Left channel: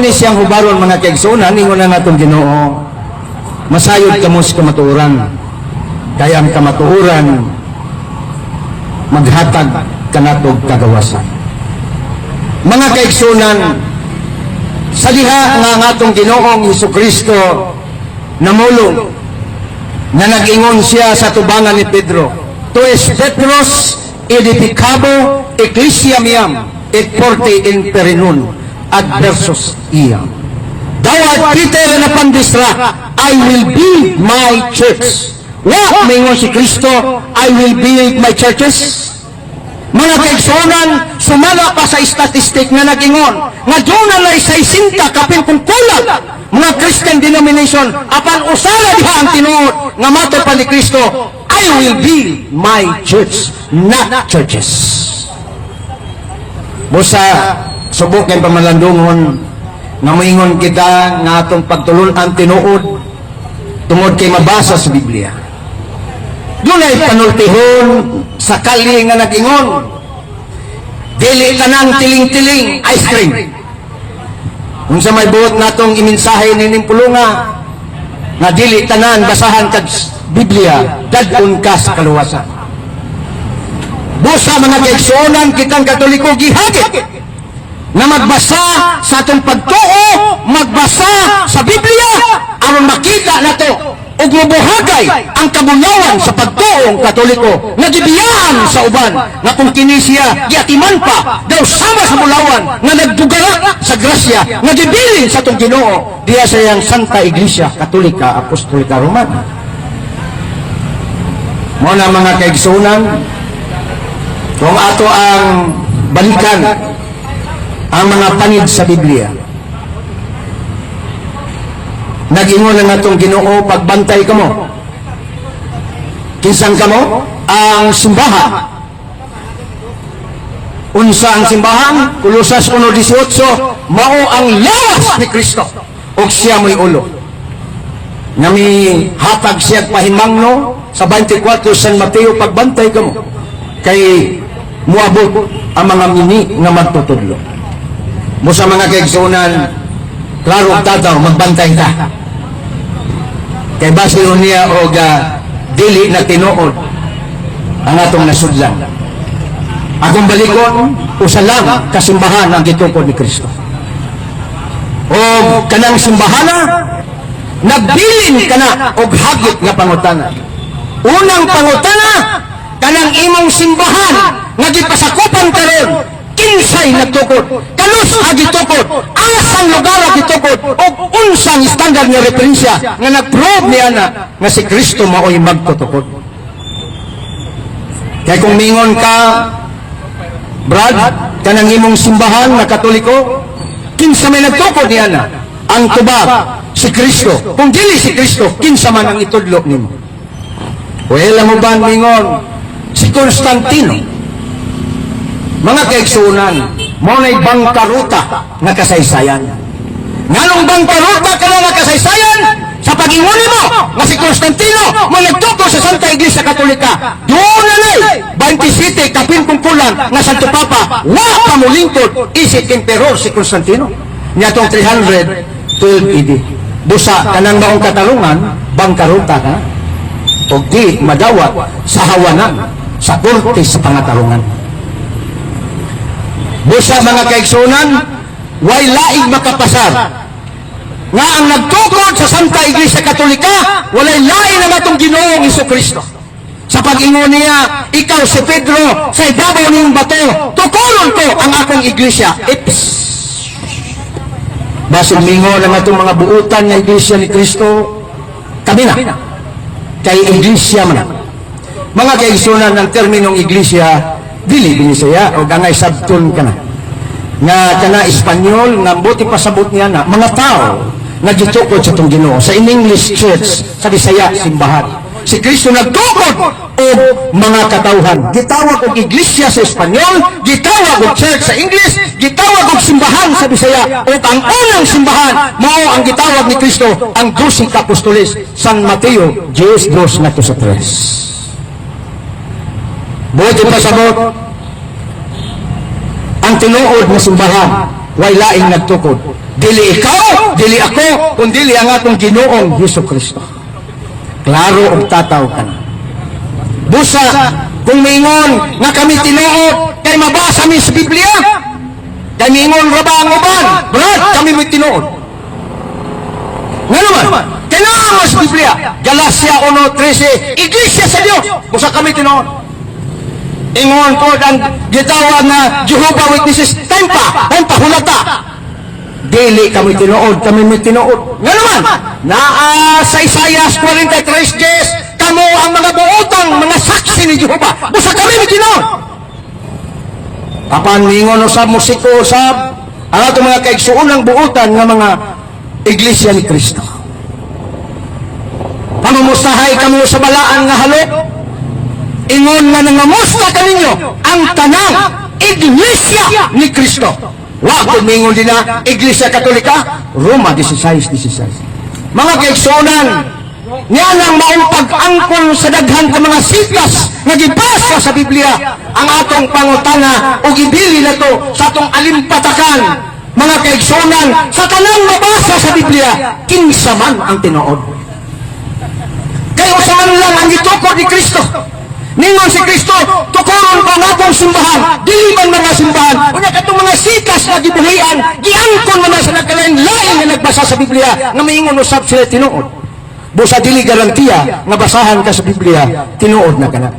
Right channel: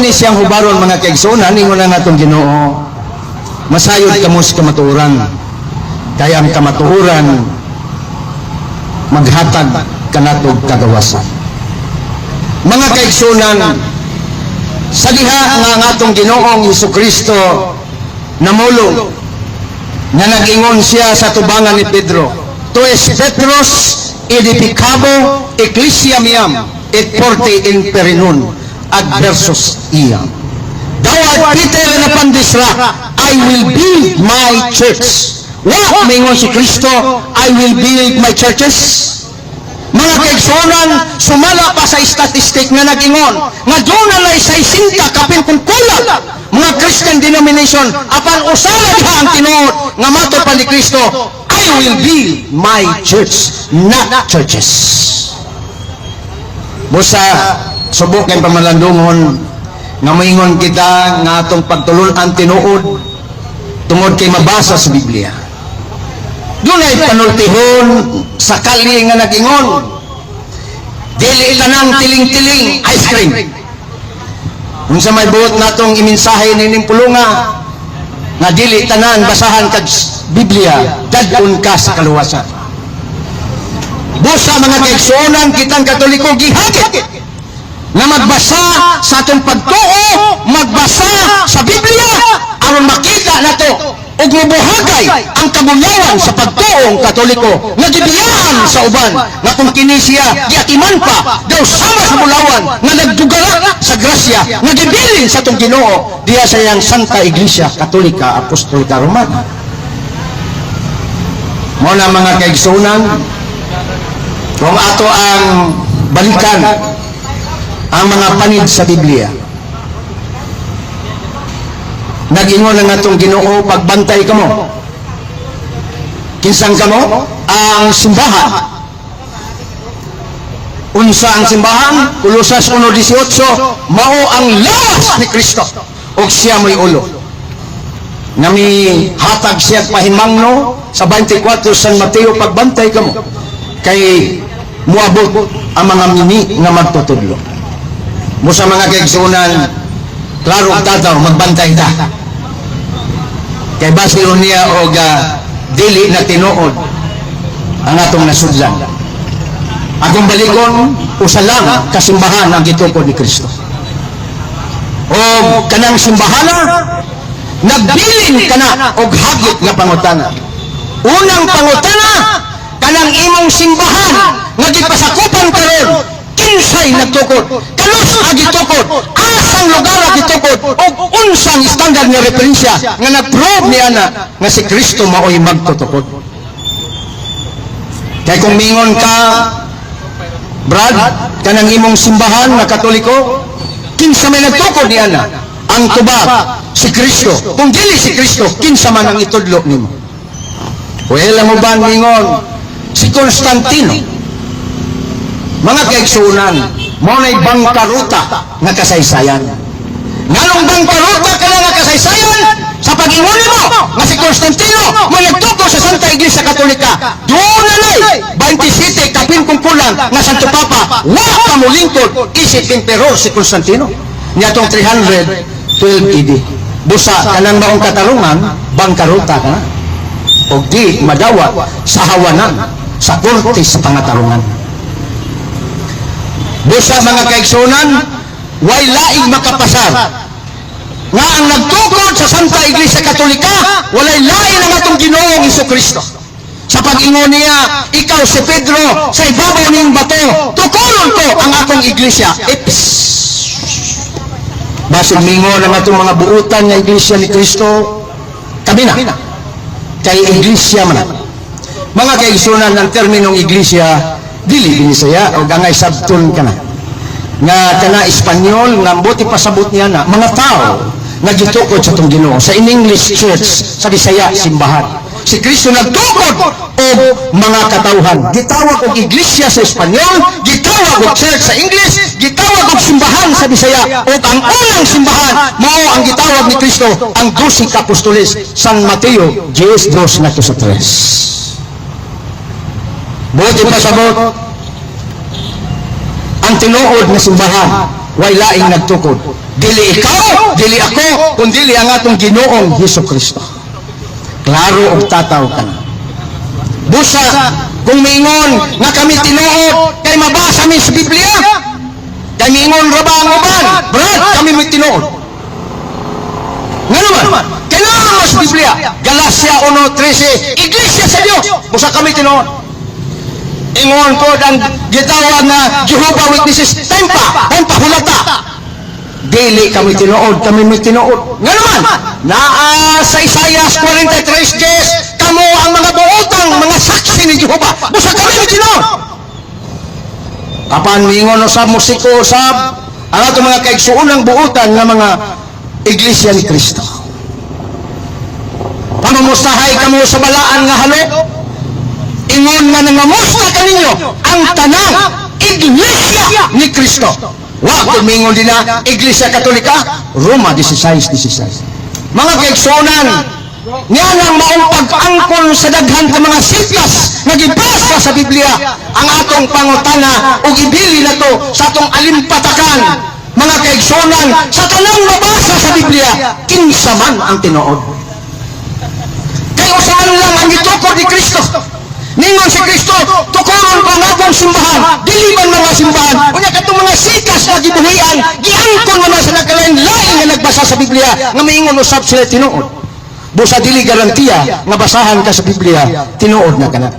ni siyang hubaron mga kaigsunan, ingon na natin Ginoo, masayod kamo sa kamatuoran. Kaya ang kamatuoran maghatag kanatog kagawasan. Mga kaigsunan, sa diha nga atong Ginoong Hesukristo namulong na nag-ingon siya sa tubangan ni Pedro, Tu es Petros edificabo ecclesia miam et porte in perinun adversus iam. Thou art Peter and upon this rock I will build my church. What? Mingon si Kristo, I will build my churches. Mga kaigsunan, sumala pa sa statistic na nag-ingon na doon na isa-isinta kapin kung kulang mga Christian denomination apan usala diha ang tinuod nga mato pa ni Kristo, I will build my church, not churches. Busa subok ang pamalandungon nga moingon kita nga atong pagtulon-an tinuod tungod kay mabasa sa Biblia. Doon ay panultihon sa kali nga nag-ingon, dili tanang tiling-tiling ice cream. Kung sa may buot natong iminsahe nining pulunga na dili tanan basahan kag Biblia, dadon ka sa kaluwasan. Busa mga kaigsunan, kitang Katoliko gihagit na magbasa sa atong pagtuo, magbasa sa Biblia, aron makita nato ug mabuhatay ang kabulawan sa pagtuo Katoliko nga gibiyahan sa uban nga kung kini siya giatiman pa daw sama sa bulawan nga nagdugala sa grasya nga gibilin sa atong Ginoo diya sa iyang Santa Iglesia Katolika Apostolika Romana. Mo na mga kaigsunan, kung ato ang balikan ang mga panid sa Biblia, nag-ingon na natong Ginoo, pagbantay ka mo. Kinsang ka mo? Ang simbahan. Unsa ang simbahan? Kolosas 1:18, mao ang lawas ni Kristo o siya may ulo. Nami hatag siya pahimangno sa 24 San Mateo, pagbantay ka mo. Kay muabot ang mga mini na magtutudlo. Mo sa mga kaigsunan, klaro tataw, magbantay ka. Kay basiro niya o dili na tinuod ang atong nasudlan. Akong balikon, usalang kasimbahan ang gituko ni Kristo. O kanang simbahana, nagbilin ka na o hagit nga pangutana. Unang pangutana, kanang imong simbahan, nagipasakupan ka rin, kinsay nagtukod, kanos nagitukod, asang lugar nagitukod, o unsang standard nga referensya nga nag-prove niya na nga si Kristo mao'y magtutukod. Kaya kung mingon ka, Brad, kanang imong simbahan na Katoliko, kinsa may nagtukod niya na, ang tubad, si Kristo. Kung dili si Kristo, kinsa man ang itudlo nimo. Well, ang uban mingon, si Constantine, mga kaigsunan, mo may bangkaruta na kasaysayan. Nganong bangkaruta ka na kasaysayan? Sa pag-inguni mo, nga si Constantino, mo nagtuko sa Santa Iglesia Katolika, doon na 27 kapingkungkulan na Santo Papa, wala pa mo lingkod, isip emperor si Constantino. Niya itong 312 AD. Busa, kanang maong katalungan, bangkaruta ka, o di madawat sa hawanan, sa korte sa pangatalungan. Busa mga kaigsunan, way laing makapasar nga ang nagtukod sa Santa Iglesia Katolika, walay lain ang atong Ginoong Hesukristo. Sa pag-ingon niya, ikaw si Pedro, sa ibabaw niyong bato, tukulon ko ang akong iglesia. Ips! Basig mingon ang atong mga buutan na iglesia ni Kristo, kami na. Kay iglesia man. Mga kaigsunan ng terminong iglesia, dili binisaya o gangay sabtun ka na. Nga kana Espanyol, nga buti pasabot niya na, mga tao, nagtukod sa itong Ginoo. Sa in-English church, sa Bisaya, simbahan. Si Kristo nagtukod o mga katauhan. Gitawag og iglesia sa Espanyol, gitawag og church sa English, gitawag og simbahan sa Bisaya. O ang unang simbahan, mao ang gitawag ni Kristo, ang 12 apostoles, San Mateo 10:2 na sa 3. Buti pasabot, ang tinuod na simbahan, way laing nagtukod. Dili ikaw, dili ako, kundi ang atong Ginoong Hesukristo. Klaro og tataw ka. Busa, kung mingon nga kami tinuod, kay mabasa mi sa Biblia, kay mingon ra ba ang uban? Brad, kami mo tinuod. Nga naman, kailangan mo sa Biblia. Galacia 1:13, Iglesia sa Diyos. Busa kami tinuod. Ingon po ang gitawad na Jehovah Witnesses, tampa, hulata. Dili kami tinuod, kami may tinuod. Nga naman, sa Isaias 43:10, kamo ang mga buotang, mga saksi ni Jehovah. Busa kami may tinuod. Kapan mingon usab musiko usab, ang ato mga kaigsuunang buotan ng mga Iglesia ni Cristo. Pamamustahay kami sa balaan nga halo. Ingon nga nangamusta kaninyo ang tanang Iglesia ni Cristo. Wag mingon din na Iglesia Katolika, Roma 16:16. Mga kaigsuonan, niya nang maong pag-angkon sa daghan ka mga sitas na gibasa sa Biblia ang atong pangutana o gibili na to sa atong alimpatakan. Mga kaigsuonan, sa tanang nabasa sa Biblia, kinsa man ang tinuod. Kaya sa man lang ang itukod ni Kristo. Ningon si Kristo, tukuron pa natong simbahan, dili man mga simbahan, unya katong mga sikas na gibuhian, giangkon na sa nagkalain-lain na nagbasa sa Biblia, nga maingon usab sila tinuod. Busa dili garantiya nga basahan ka sa Biblia, tinuod na kana.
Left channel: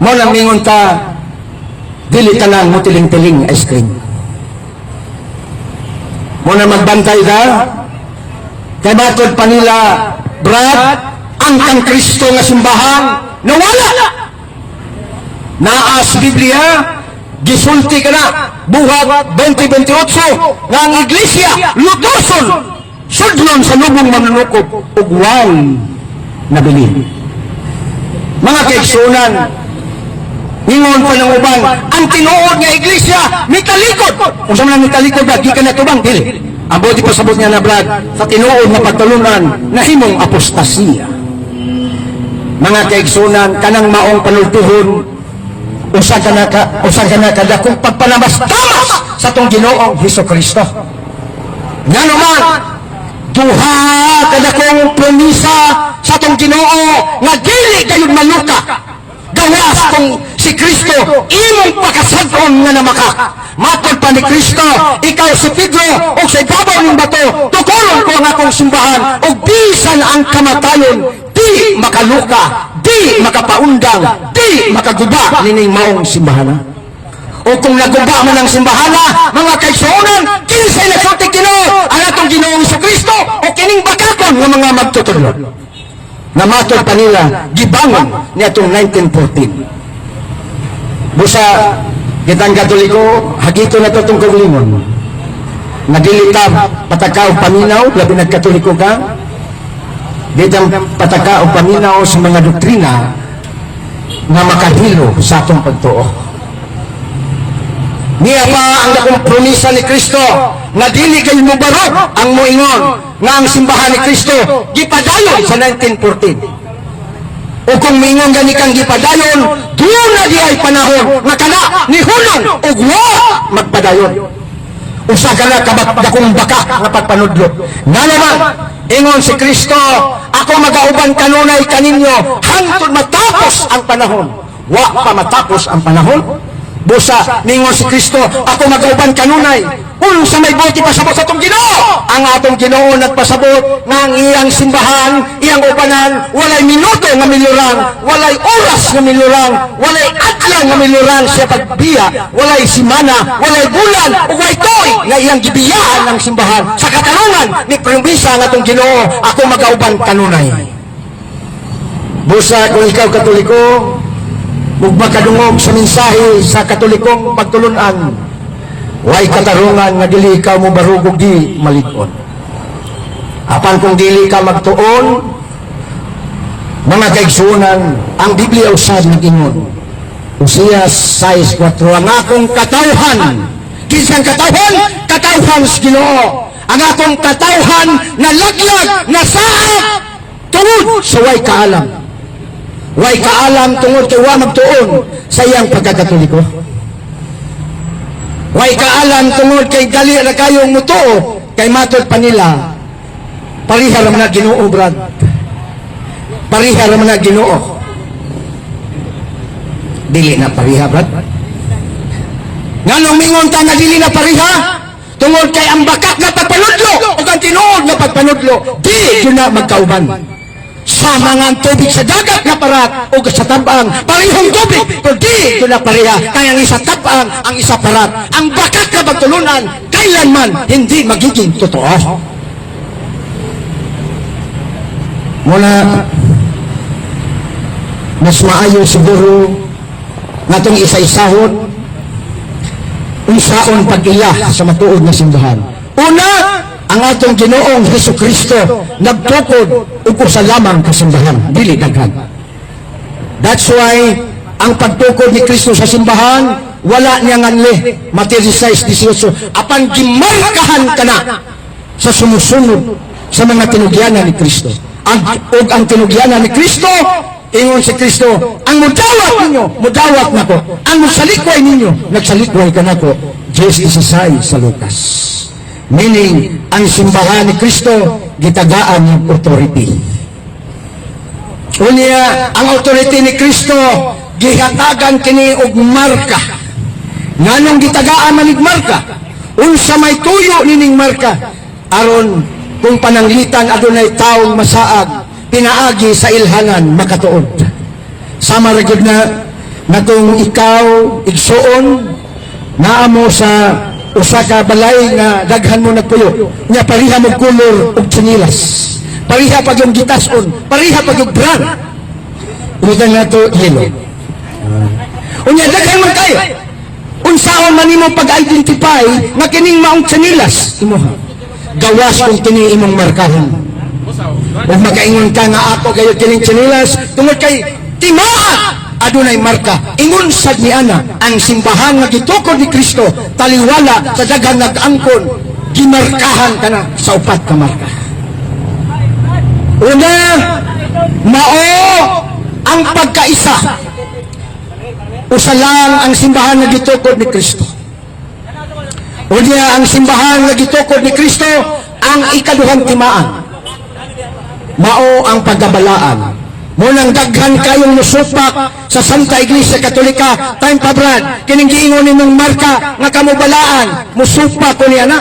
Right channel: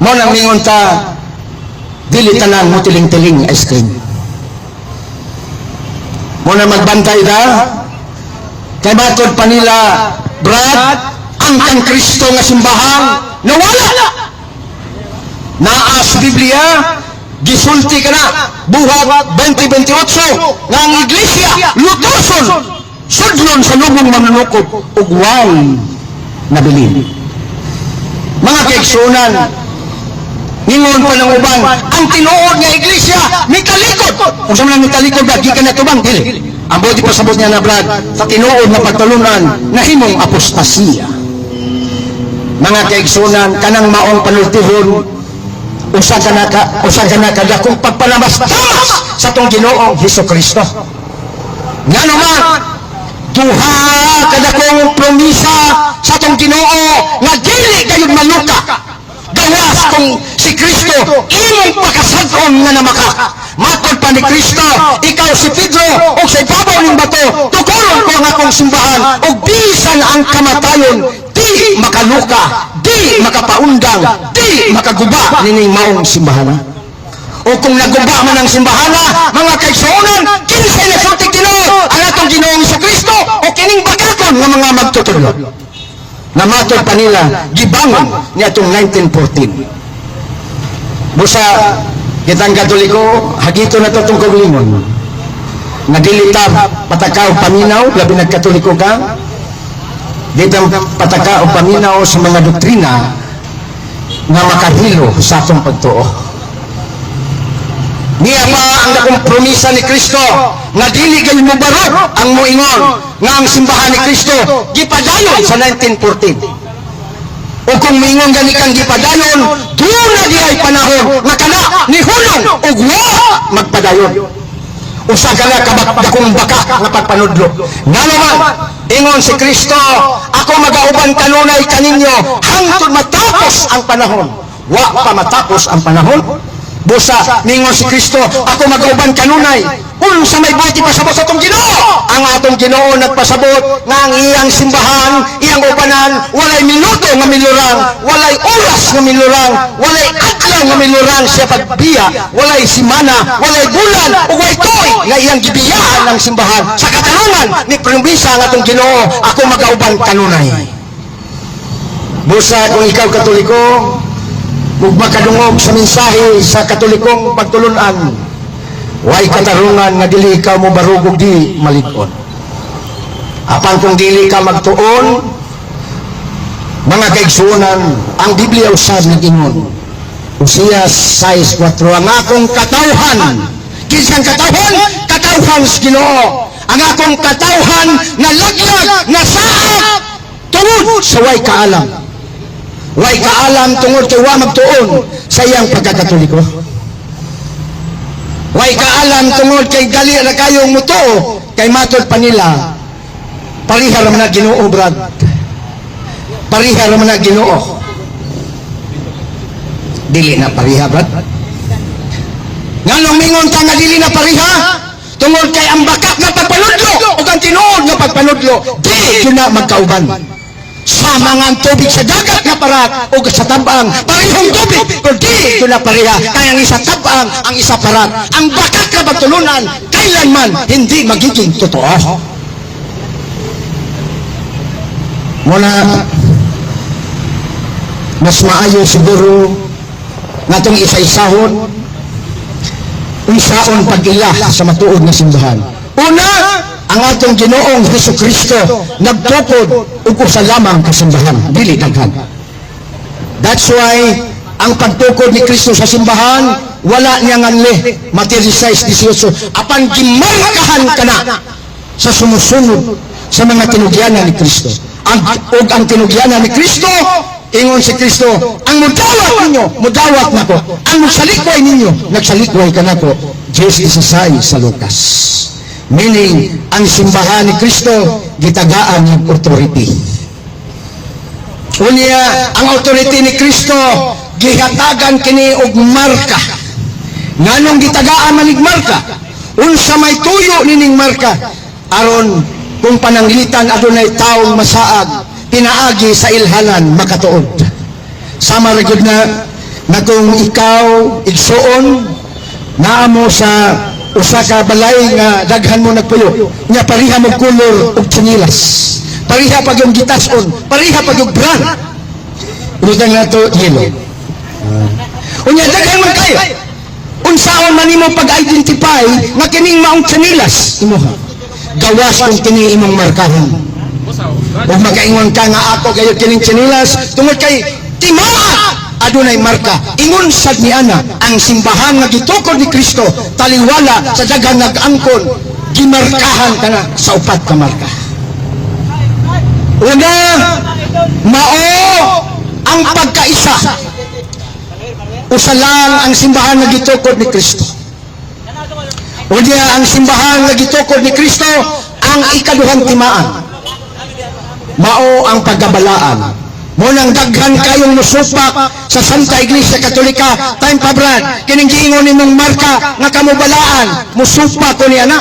Mo nang ningon ka, dili tanan mo tiling-tiling ice cream. Mo na magbantay ka, kabatod pa nila, Brad, ang Kristo nga simbahan, nawala! Naas Biblia, gisulti ka na, buhat 2028, na ang Iglesia, lutoson, sudlon sa lubong manunukot, ugwan na bilin. Mga kaigsunan, ningon ko ng ubang, ang tinuod nga Iglesia, may talikod. Kung saan nga may talikod, di ka na tubang, dili. Ang buti pa sabot niya na, Brad, sa tinuod na patulungan, na himong apostasiya. Mga kaigsunan, kanang maong panultihon, usa ka na kadakong pagpalabas sa itong Ginoong Hesukristo. Nga naman, duha kadakong promisa sa itong Ginoo na dili kayong maluka. Gawas kung si Kristo imong pakasagkon nga namaka. Matod pa ni Kristo, ikaw si Pedro o sa ibabaw ng bato, tukulong ko ang akong simbahan o bisan ang kamatayon, di makaluka, di makapaundang, di makaguba nining maong simbahan. O kung naguba man ang simbahan, mga kaigsuonan, kinsay na sa Ginoo ang atong Ginoong Kristo o kining bagaton ng mga magtutulo. Namatod pa nila, gibangon niya itong 1914. Busa, kitang Katoliko, hagito na itong kagalingon. Nadilita, patakaw, paminaw, labi nagkatoliko ka, ditang patakaw, paminaw sa mga doktrina na makahilo sa atong pagtuo. Niya pa ang nakompromisa ni Kristo na dili kayo mubarot ang muingon nga ang simbahan ni Kristo gipadayon sa 1914. O kung mingon gani kang gipadayon, doon na di ay panahon na kana ni Hulong ug wa magpadayon. Usa ka na kabakdakong baka nga pagpanudlo. Nga naman, ingon si Kristo, ako magauban kanunay kaninyo hangtod matapos ang panahon. Wa pa matapos ang panahon. Busa, ningon si Kristo, ako mag-uban kanunay. Kung sa may buti pasabot sa itong Ginoo, ang atong Ginoo nagpasabot na ang iyang simbahan, iyang ubanan, walay minuto nga miluran, walay oras nga miluran, walay adlaw nga miluran siya pagbiya, walay simana, walay bulan, o walay toy nga iyang gibiyaan ng simbahan. Sa katanungan ni promisa ng atong Ginoo, ako mag-uban kanunay. Busa, kung ikaw Katoliko, kung makadungog sa mensahe sa Katolikong pagtulunan, way katarungan nga dili ka mo barugog di malig-on. Apan kung dili ka magtuon, mga kaigsuonan, ang Biblia usab ni Ginoo. Hosea 6:4, ang akong katawhan, kinsang katawhan? Katawhan sa Ginoo. Ang akong katawhan na laglag, na saad, tungod sa way kaalam. Way kaalam tungod kay wa magtuon sa iyang pagkakatoliko. Way kaalam tungod kay dali na kayong mutuo kay matod pa nila parihar man na Ginoo brad. Parihar man na Ginoo. Dili na pariha brad. Nganong mingon ta nga dili na pariha? Tungod kay ang bakat na pagpanudlo o ang tinuod na pagpanudlo di yun na magkauban. Sa mga tubig sa dagat na parat o sa tabang parihong tubig o di yun na pariha. Kaya ang isa tabang, ang isa parat. Ang bakat na pagtulunan kailanman hindi magiging totoo. Muna mas maayo siguro nga itong isa-isahon unsaon pag-iya sa matuod na simbahan. Una, ang atong Ginoong Jesucristo nagtukod ug usa lamang ka simbahan, dili daghan. That's why ang pagtukod ni Kristo sa simbahan wala niya nganli. Mateo 6:18 apan gimarkahan kana sa sumusunod sa mga tinugyanan ni Kristo. Ang tinugyanan ni Kristo ingon si Kristo, ang mudawat ninyo, mudawat na ko. Ang musalikway ninyo, nagsalikway ka na ko. Diyos 16 sa Lucas. Meaning, ang simbahan ni Kristo, gitagaan ng authority. Unya, ang authority ni Kristo, gihatagan kini og marka. Nganong gitagaan manig marka? Unsa may tuyo nining marka? Aron, kung pananglitan adunay taong masaag, pinaagi sa ilhanan makatuod. Sama ra gid na natong ikaw igsuon naamo sa usa ka balay nga daghan mo nagpuyo nya pariha mo kulor og tsinilas, pariha pag yung gitason, pariha pag yung brand unya nga to yelo unya daghan mo kayo unsaon man nimo pag-identify na kining maong tsinilas imo gawas kung kini imong markahan. Kung makaingon ka nga ato kayo kining tsinilas tungod kay timaa adunay marka. Ingon sad ni ana ang simbahan nga gitukod ni Kristo taliwala sa daghang nag-angkon gimarkahan kana sa upat ka marka. Una, mao ang pagkaisa. Usa lang ang simbahan nga gitukod ni Kristo. Unya ang simbahan nga gitukod ni Kristo ang ikaduhang timaan. Mao ang pagkabalaan. Munang daghan kayong musupak sa Santa Iglesia Katolika, time pa brad, kining giingon nimong marka nga kamubalaan, musupak ko niya na.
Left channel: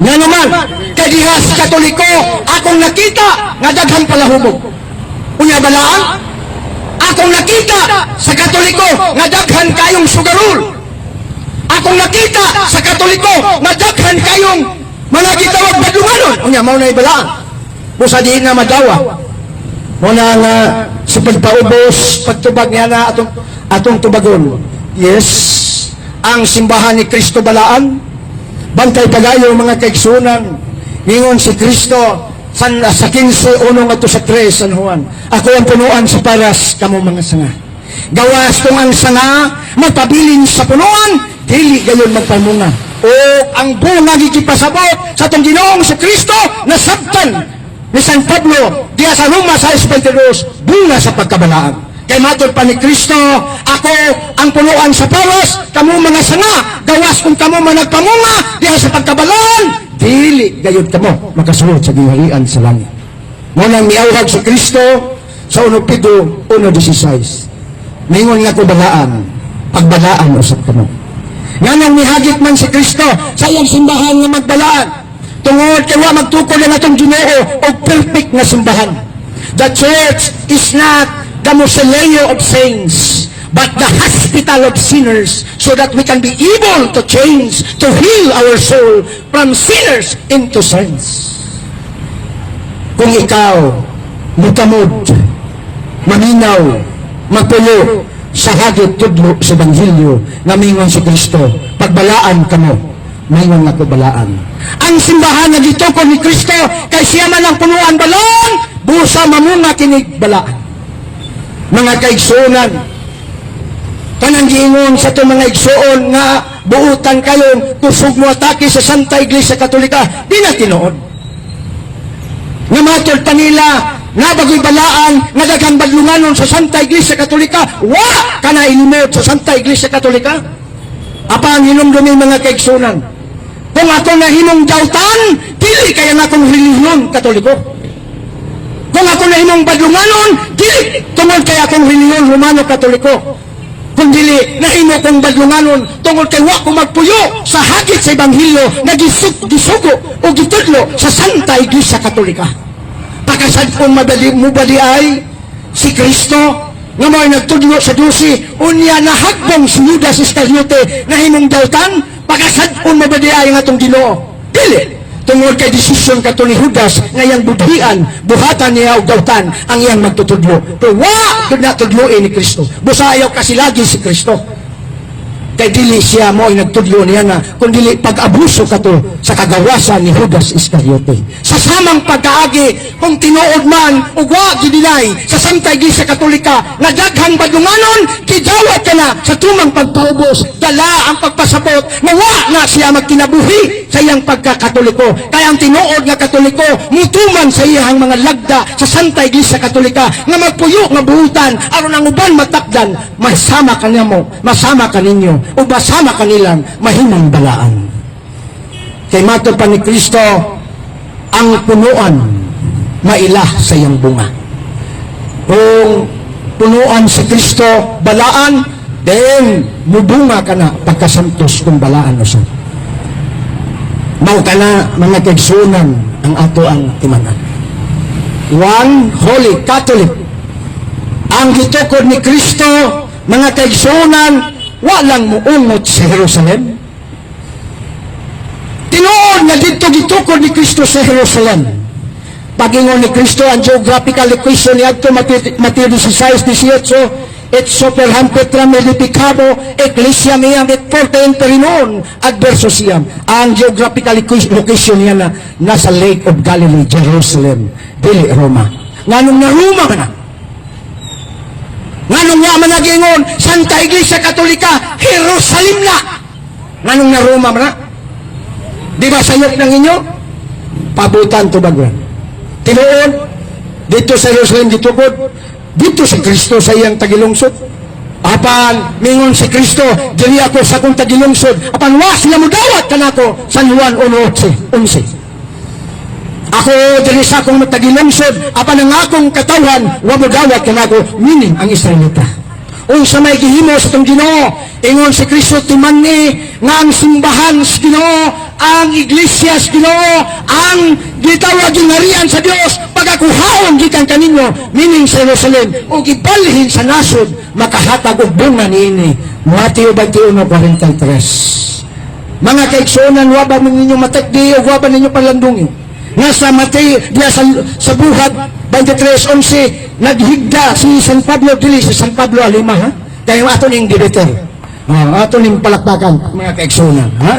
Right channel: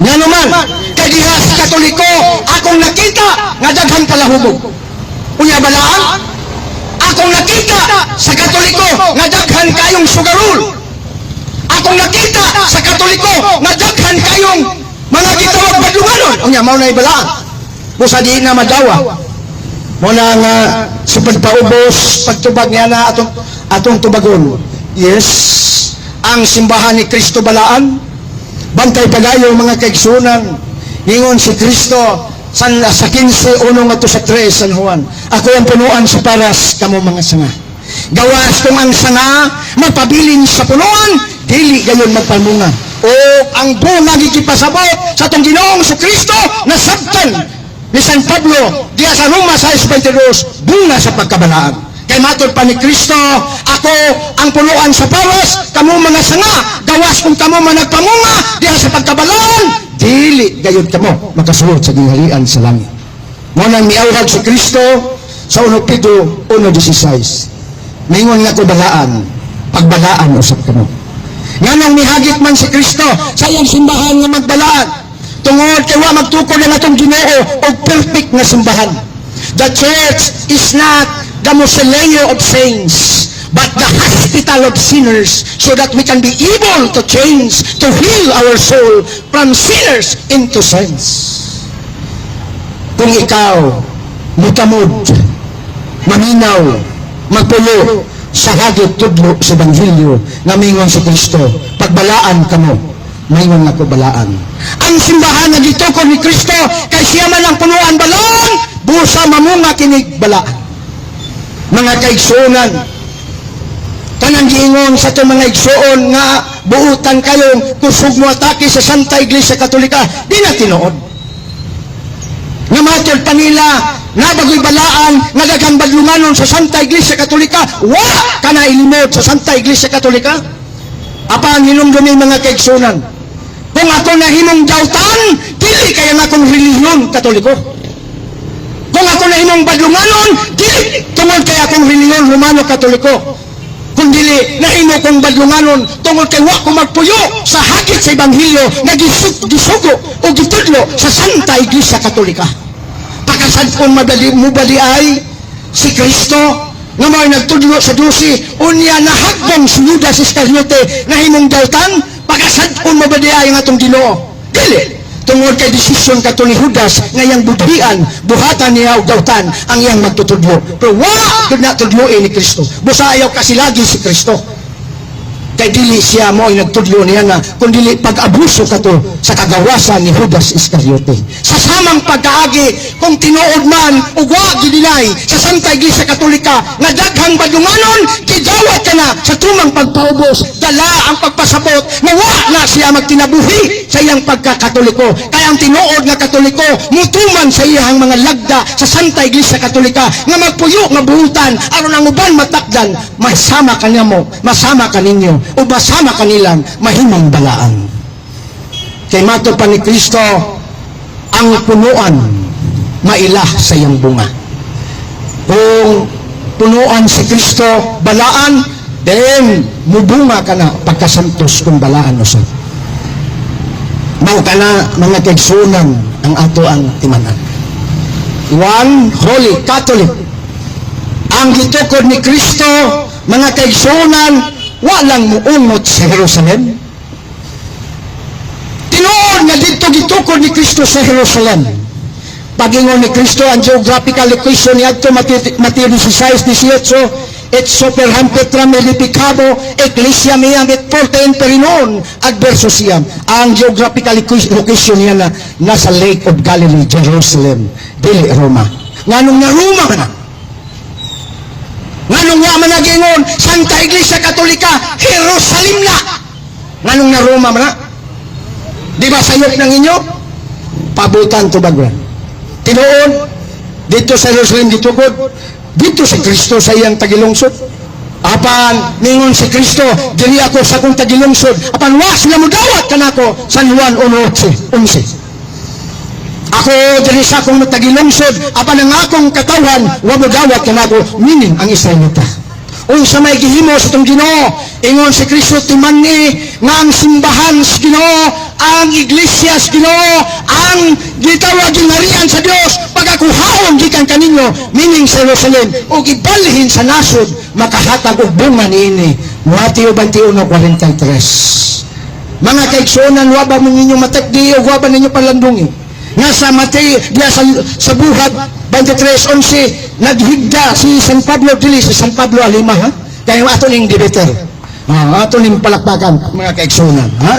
Nga naman, kay diha sa Katoliko, akong nakita nga daghan palahubog. Unya balaan? Akong nakita sa Katoliko nga daghan kayong sugarul. Akong nakita sa Katoliko nga daghan kayong mga gitawag badunganon. Unya mao na ibalaan. Busa di na madawa. Muna nga si pagpaubos, pagtubag niya na atong tubagon. Yes, ang simbahan ni Kristo balaan, bantay pagayo mga kaigsunan, ningon si Kristo sa 15, unong ato sa 3 San Juan. Ako ang punuan sa paras, kamo mga sanga. Gawas kung ang sanga, magpabilin sa punuan, dili gayon magpamunga. O ang bunga gigipasabot sa itong Ginoong si Kristo na sabtan ni San Pablo, diya sa Roma 6:22, bunga sa pagkabalaan. Kay matod pa ni Kristo, ako ang punuan sa paras, kamo mga sanga, gawas kung kamo managpamunga, diya sa pagkabalaan, dili gayud kamo makasulod sa gingharian sa langit. Nganang miawhag sa Kristo sa 1 Pedro 1:16. Ningon nga ko balaan, pagbalaan usab kamo. Nganang mihagit man si Kristo sa iyang simbahan nga magbalaan. Tungod kaya magtukod na natong Ginoo o perfect na simbahan. The church is not the mausoleum of saints, but the hospital of sinners, so that we can be able to change, to heal our soul from sinners into saints. Kung ikaw magkamod, maminaw, magpulo sa hagit tudlo sa Ebanghelyo na mingon si Kristo, pagbalaan kamo, mingon nga balaan. Ang simbahan na gitukod ni Kristo kay siya man ang punuan balaan, busa mamunga kinig balaan. Mga kaigsuonan, kanang giingon sa itong mga igsuon nga buutan kayong kusog mo atake sa Santa Iglesia Katolika, di na tinuod. Namatod pa nila, nadagi balaan, nadagang baglunganon sa Santa Iglesia Katolika, wa ka na ilimod sa Santa Iglesia Katolika. Apang hinumdumi mga kaigsunan. Kung ato na hinumdautan, dili kaya nga kung relihiyon Katoliko. Kung ato na hinumbadlunganon, dili tungod kaya kung relihiyon Romano Katoliko. Kung dili na hino kong badlunganon, tungod kay wa ko magpuyo sa hagit sa Ebanghelyo na gisugo o gitudlo sa Santa Iglesia Katolika. Pakasad kong mubali ay si Kristo na may nagtudlo sa 12, unya na hagbang si Judas Iscariote na hinumdautan, pakasad kong mubali ay nga itong Ginoo. Dili, tungod kay desisyon kato ni Judas na iyang budhian, buhatan niya o dautan ang iyang magtutudlo. Pero gud na tudloin ni Kristo. Busa ayaw kasi lagi si Kristo. Kay dili siya mo ay nagtudlo niya nga, kung dili pag-abuso kato sa kagawasan ni Judas Iscariote. Sa samang pagkaagi, kung tinuod man o wa gidinay sa Santa Iglesia Katolika na daghang badlunganon, kidawat ka na sa tumang pagpaubos, dala ang pagpasabot na wa na siya magtinabuhi sa iyang pagkakatoliko. Kaya ang tinuod na Katoliko, mutuman sa iyang mga lagda sa Santa Iglesia Katolika na magpuyo nga buhutan aron ang uban matakdan, masama kanya mo, masama kaninyo, o basama kanilang mahimang balaan. Kay mato pa ni Kristo, ang punuan maila sa iyang bunga. Kung punuan si Kristo balaan, then mubunga ka na pagkasantos kung balaan mo siya. Mau ka na mga kaigsunan ang ato ang timanan. One, Holy Catholic. Ang gitukod ni Kristo, mga kaigsunan, walang muungot sa Jerusalem. Tinuod na dito gitukod ni Kristo sa Jerusalem. Pagingon ni Kristo ang geographical location niya ito, Mateo 16:18, et superham petram edificado ecclesia mea et porta imperinon adverso siyan. Ang geographical location niya na nasa Lake of Galilee, Jerusalem, dili Roma. Nganong na Roma na? Nganong nga managingon, Santa Iglesia Katolika, Jerusalem na. Nganong na Roma na? Di ba sayop ng inyo? Pabutan to the ground. Tinuod, dito sa Jerusalem gitukod, dito si Kristo sa iyang tagilungsod. Apan, ningon si Kristo, dili ako sa akong tagilungsod. Apan, wa sila mo dawat ka na ako, San Juan 1:11. Ako dili sa akong matagilungsod, apan ang akong katawan, wa mo dawat ka na ako, meaning ang Israelita. Kung sa may gihimo sa itong Ginoo, ingon si Kristo timani nga ang simbahan sa Ginoo, ang iglesia sa Ginoo, ang gitawag gingharian sa Dios, pagakuhaon gikan kaninyo, meaning sa Jerusalem, o gibalhin sa nasod, makahatag og bunga niini. Mateo 21:43. Mga kaigsunan, wa ba mo ninyo matakdi o wa ba ninyo palandungi? Nasa Mateo, diya sa buhat 23:11, naghigda si San Pablo dili, si San Pablo Alima, ha? Dahil ato ning debater. Ato ning palakpakan, mga kaigsunan, ha?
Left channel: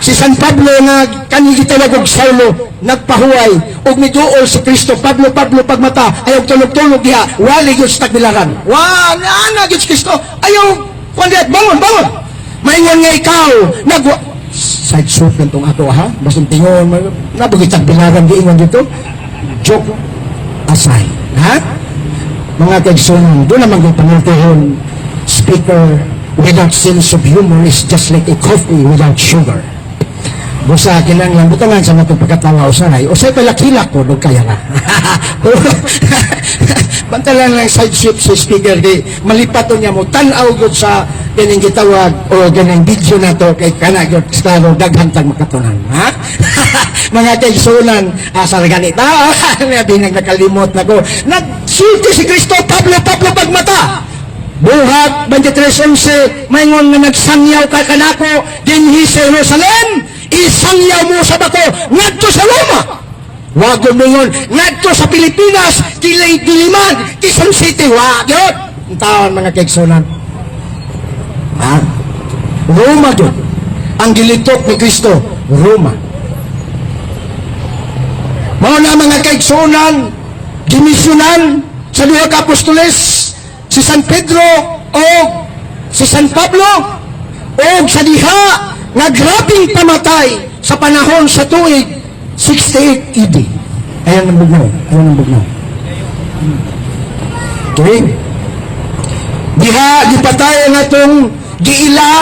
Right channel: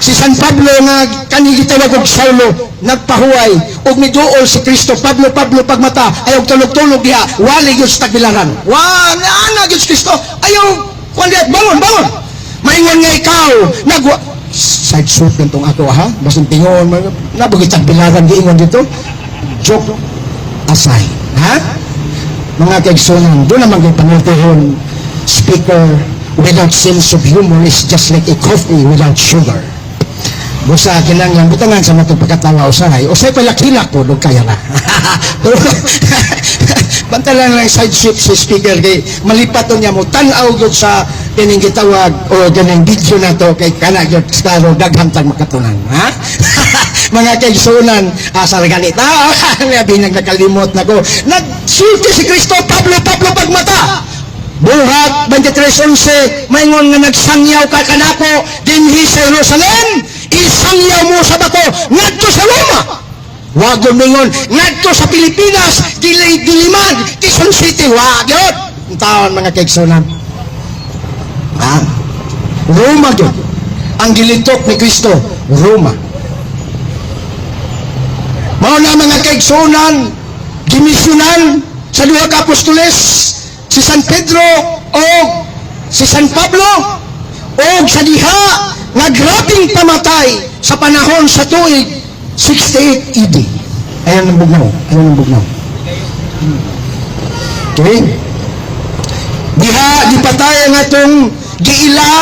Si San Pablo na kanigitawag og Saulo, nagpahuway, og miduol si Kristo, Pablo pagmata, ayaw tulog-tulog diha, wali gyud sa tagbilaran. Ana gyud si Kristo, ayaw, bangon. Mayngan nga ikaw, side shoot nitong ako, ha? Basang tingon, nabugit ang bilaran giingon dito. Joke aside, ha? Mga kaigsunan, doon naman yung panaltihon, speaker without sense of humor is just like a coffee without sugar. Busa kinang yang butangan sa natong pagkatawa usay palakilak po kaya na. Banta lang ng side shoot si speaker kay malipat niya mo tanaw gyud sa kining gitawag o kining video na ito kay kana gyud staro daghang tang makatunan, ha? Mga kaigsunan, asal ganit. Nga binang nakalimot na ko. Nagsulti si Kristo, Pablo pagmata. Buhat 23:11, mayngon nga nagsangyaw ka kanako dinhi sa Jerusalem, isangyaw mo sa bato ngadto sa Roma. Wag mingon ngadto sa Pilipinas, diliman, Quezon City, wag yun. Untaan mga kaigsunan. Roma doon. Ang gilitok ni Kristo, Roma. Mao na mga kaigsunan, dimisyonan sa duha ka apostoles, si San Pedro o si San Pablo, o sa diha nga grabing pamatay sa panahon sa tuig 68 AD. Ayan ang bugnaw. Okay? Diha, di patay nga itong giila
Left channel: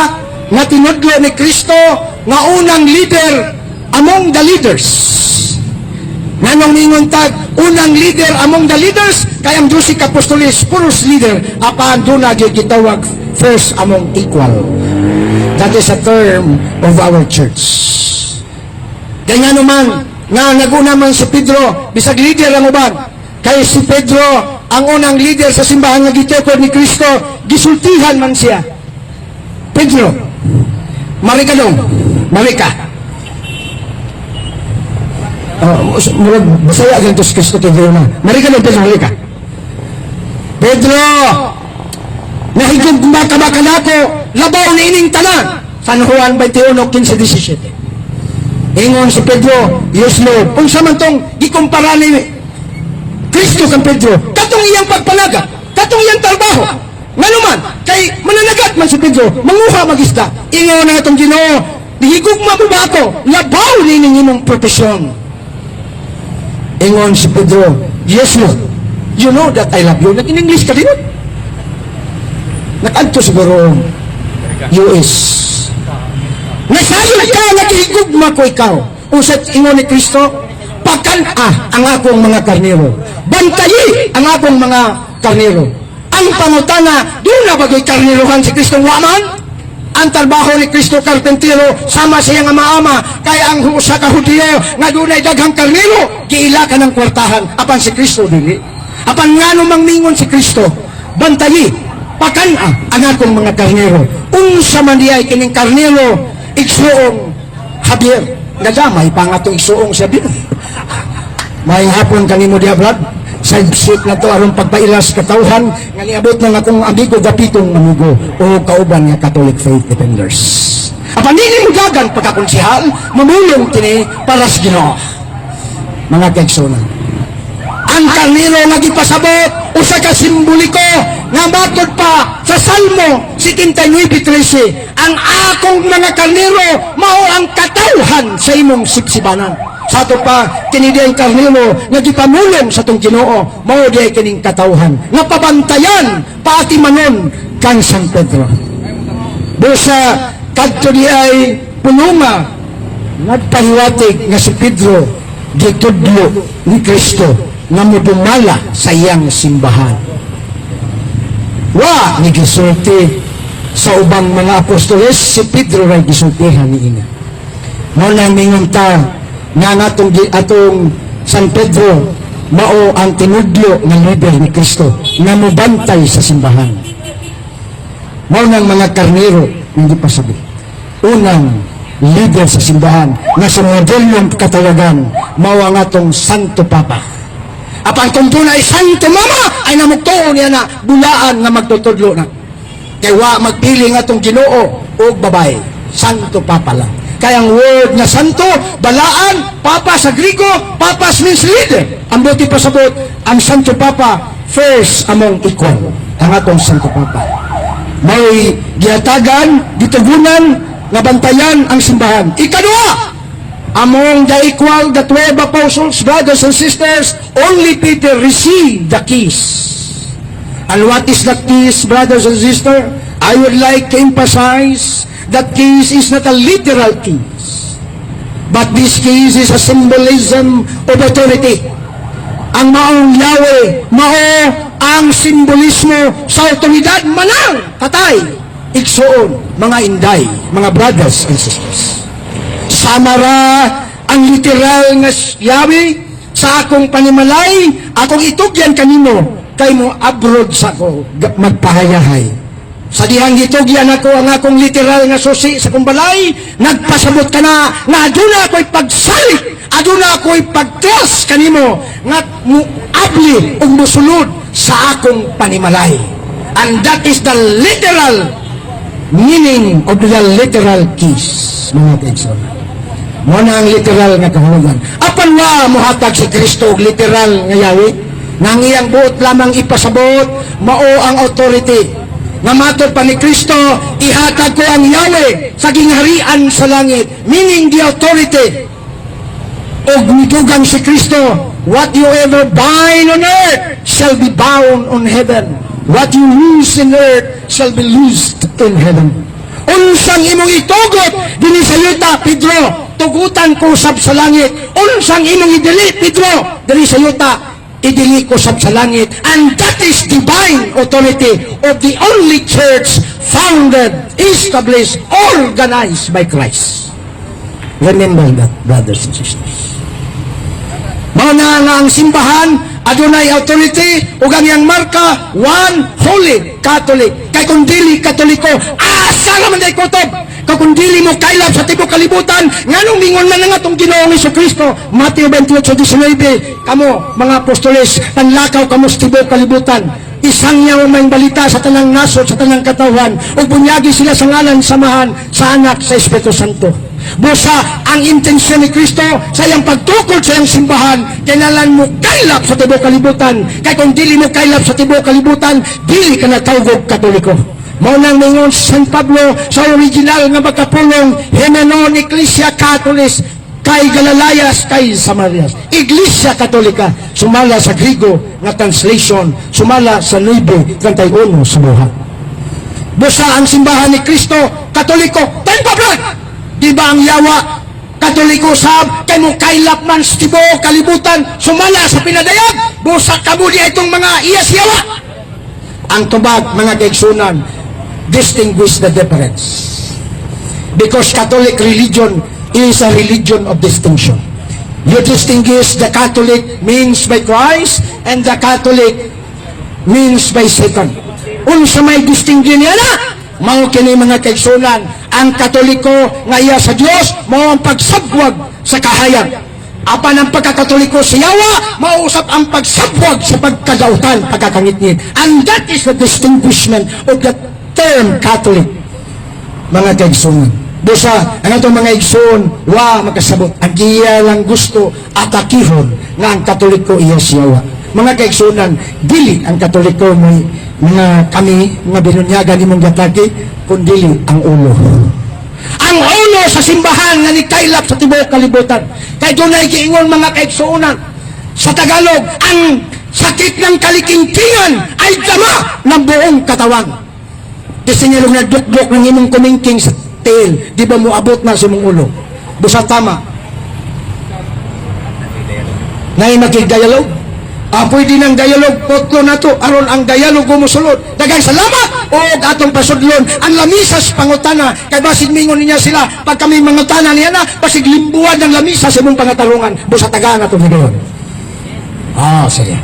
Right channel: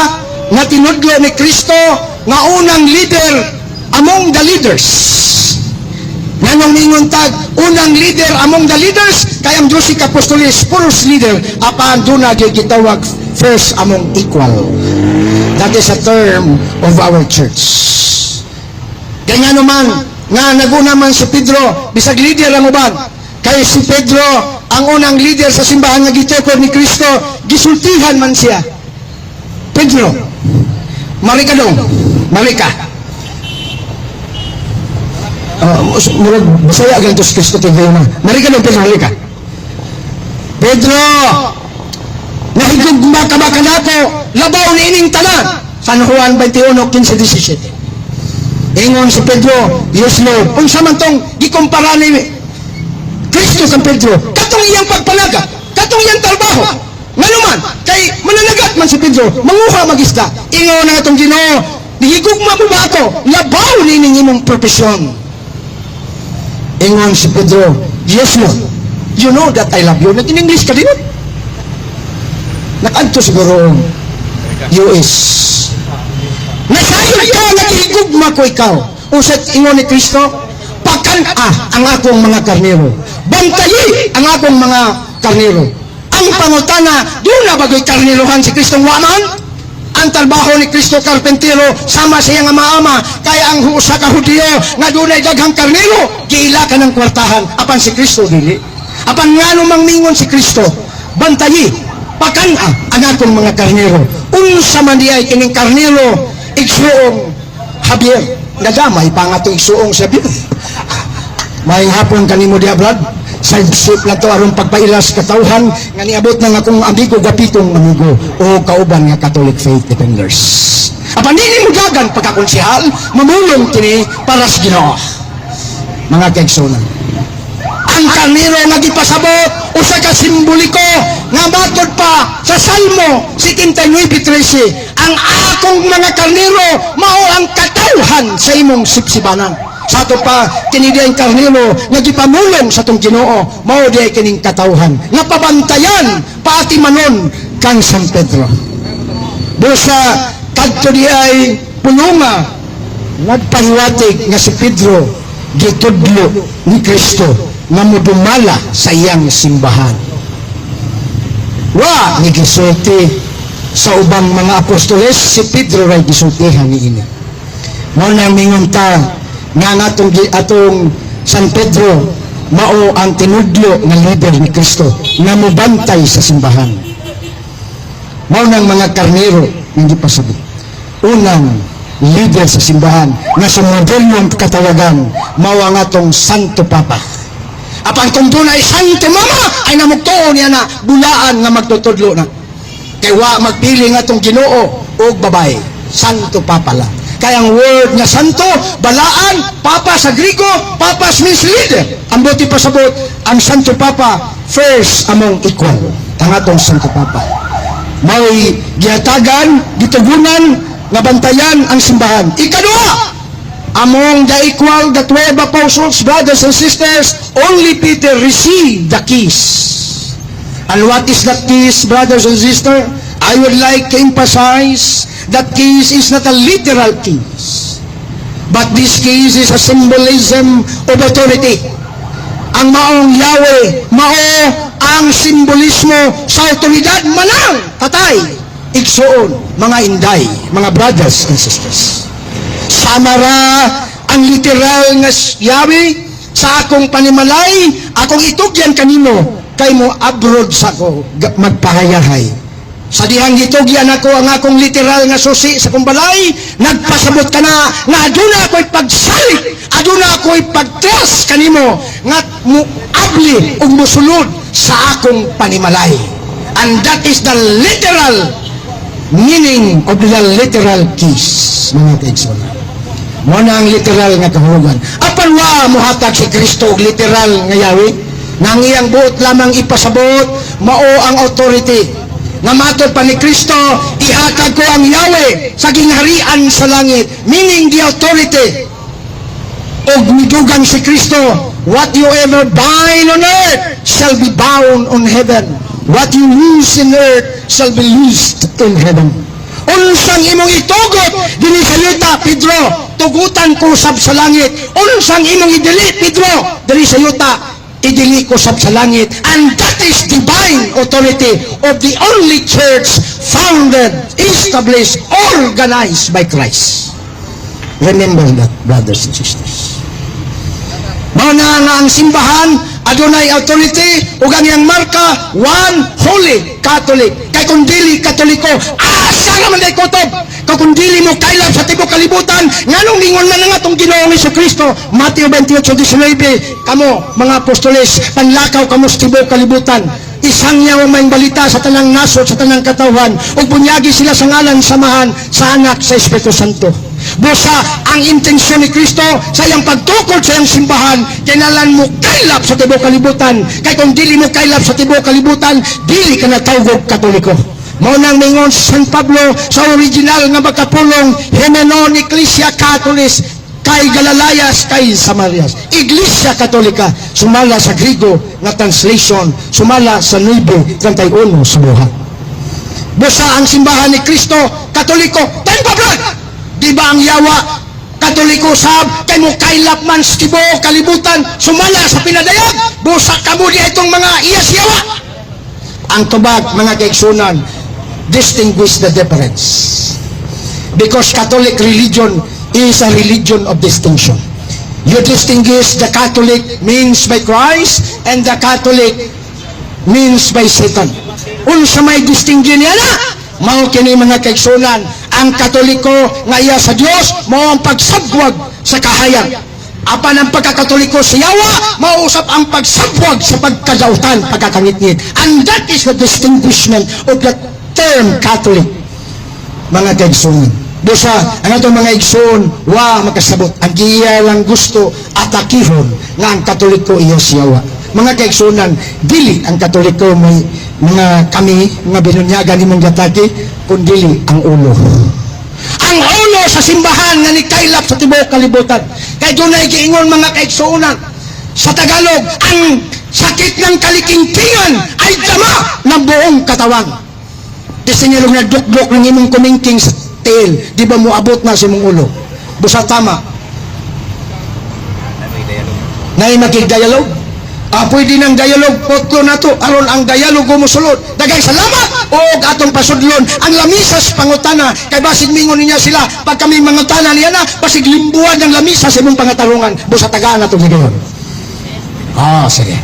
na tinudlo ni Kristo nga unang leader among the leaders. Nanong mingon tag, unang leader among the leaders, kay ang 12 apostoles, first leader, apan doon na gitawag first among equal. That is a term of our church. Ganyan naman, na naguna man si Pedro, bisag leader ang ubag, kay si Pedro, ang unang leader sa simbahan nga gitekod ni Kristo, gisultihan man siya. Pedro, marika dong, marika. Basaya ang ito sa Kristo TV mo. Marika dong, Pedro, marika. Pedro, nahigugma ka ba kanako, labaw na ining tanan. San Juan 21:15-17. Ingon si Pedro, yes Lord. Kung samantang gikumpara ni Kristo sa Pedro, katong iyang pagpalaga, katong iyang trabaho. Nga naman, kay mananagat man si Pedro, manguha mag-isda. Ingon na itong Ginoo, nihigugma mo ba ito? Labaw nining imong profesyon. Ingon si Pedro, yes Lord. You know that I love you. Nag-in-English ka din. Nakadto siguro US. Nasahin ka, nag-igugma ko ikaw. Usat ingon ni Kristo, pagkana ang akong mga karnero. Bantayi ang akong mga karnero. Ang pangutana, doon na bagay karnerohan si Kristo waman? Ang trabaho ni Kristo karpentero, sama sa iyang ama-ama, kaya ang sa kahudiyo, na doon ay daghang karnero, giila ka ng kwartahan, apan si Kristo dili. Apan nga namang ningon si Kristo, bantayi, pagkana ang akong mga karnero. Unsa man di ay kining karnero, igsuong Javier. Nagamay pa nga ito igsuong sabi. May hapon kami mo diablad. Sa isip na ito aron pagpailas katauhan nga niabot na akong amigo gapitong manigo o kauban nga Catholic Faith Defenders. Apan dili mo gagan pagkakonsihal, mamulong kini para sa Ginoo. Mga kaigsunan. Ang karnero nagipasabot usa ka simboliko nga matod pa sa Salmo 79:13. Ang akong mga karnero mao ang katauhan sa imong sipsibanan. Sa ato pa kini diay karnero nagipamulong sa tong Ginoo mao diay kining katauhan. Napabantayan paati manon kang San Pedro. Dosa kadto diay pulunga nagpahiwatig nga si Pedro gitudlo ni Kristo nga mudumala sa iyang simbahan. Wa ni gisulti sa ubang mga apostoles, si Pedro ray gisultihan ni ina. Mao na mingon ta nga atong San Pedro mao ang tinudlo nga leader ni Kristo nga mobantay sa simbahan. Mao nang mga karnero hindi pa sabi. Unang leader sa simbahan nga sa modernong katawagan mao ang atong Santo Papa. Apang kung doon ay Santo Mama ay namugtuon niya na bulaan nga magtutudlo na. Kaya wa magpili nga itong Ginoo o babae. Santo Papa lang. Kaya ang word nga Santo, balaan, Papa sa Grigo, Papas means leader. Ang buti pasabot, ang Santo Papa, first among equal. Ang atong Santo Papa. May giatagan, gitugunan, nabantayan ang simbahan. Ikadua, among the equal, the 12 apostles, brothers and sisters, only Peter received the keys. And what is that keys, brothers and sisters? I would like to emphasize that keys is not a literal keys. But this keys is a symbolism of authority. Ang maong Yahweh, mao ang simbolismo sa otoridad manang patay. Igsoon, mga inday, mga brothers and sisters. Samara ang literal nga Yahweh sa akong panimalay, akong itugyan kanino, kay mo abroad sa ko magpahayahay. Sa dihang hitugyan ako ang akong literal nga susi sa kong balay, nagpasabot ka na nga aduna ako'y pagsalit, aduna ako'y pagtras kanimo, nga muabli o musunod sa akong panimalay. And that is the literal meaning of the literal keys, mga kaigsoon. Muna ang literal nga kahulugan. Apan nga muhatag si Kristo literal nga Yahweh, nang iyang buot lamang ipasabot, mao ang authority. Nga matod pa ni Kristo, ihatag ko ang Yahweh sa gingharian sa langit, meaning the authority. O midugang si Kristo, what you ever bind on earth shall be bound on heaven. What you loose in earth shall be loosed in heaven. Unsang imong itugot dili sa yuta, Pedro, tugutan ko sab sa langit. Unsang imong idili, Pedro, dili sa yuta, idili ko sab sa langit. And that is divine authority of the only church founded, established, organized by Christ. Remember that, brothers and sisters. Mana na ang simbahan, adunay authority, ug ang marka, one holy Catholic. Kay kung dili Katoliko, asa naman ay kutob. Kung dili mo kailap sa tibok kalibutan, nganong lingon na nga itong Ginoong Jesucristo. Mateo 28:19, kamo, mga apostoles, panlakaw kamo sa tibok kalibutan. Isang niya may balita sa tanang nasod, sa tanang katawan, ug bunyagi sila sa ngalan samahan sa anak sa Espiritu Santo. Busa ang intensyon ni Kristo sa iyang pagtukod sa iyang simbahan, kailangan mo kailap sa tibok kalibutan. Kaya kung dili mo kailap sa tibok kalibutan, dili ka na tawag Katoliko. Mao nang ningon San Pablo sa original nga makapulong Hymenon Ecclesia Catholis kay Galalayas kay Samarias. Iglesia Katolika, sumala sa Griego nga translation, sumala sa Libro 31 sa buhat. Busa ang simbahan ni Kristo, Katoliko, tempo di ba ang yawa, Katoliko sab, kay mo kailap man sa tibok kalibutan, sumala sa pinadayag, busa kamo di itong mga iyas yawa. Ang tubag, mga kaigsunan, distinguish the difference. Because Catholic religion is a religion of distinction. You distinguish the Catholic means by Christ and the Catholic means by Satan. Unsa may distinction niya na? Mao kini mga kaigsunan, ang Katoliko nga iya sa Dios mao ang pagsabwag sa kahayan. Apan ang pagkakatoliko sa yawa, mausap ang pagsabwag sa pagkadautan, pagkakangit-ngit. And that is the distinguishment of the term Catholic. Mga kaigsunan. Busa, ang itong mga igsoon, makasabot. Ang iya lang gusto atakihon na ang Katoliko iya sa yawa. Mga kaigsunan, dili ang Katoliko may mga kami nga binunyagan ni mong gataki, kundi ang ulo. Ang ulo sa simbahan na nikailap sa tibok kalibutan. Kaya doon ay giingon mga kaigsunan. Sa Tagalog, ang sakit ng kalikingkingan ay dama ng buong katawan. Kasi nga nung nagdukdok ng imong kumingking sa tail, di ba mo abot na sa mong ulo? Busa tama. Nai makigayalog? Pwede ng dialog, potlo na to, aron ang dialog gumusulod. Dagang salamat o atong pasudlon ang lamisas pangutana. Kay basig mingon niya sila, pag kami mangutana niya na, basig limbuan ng lamisas sa imong pangatarungan. Busa taga na to, sige. Sige.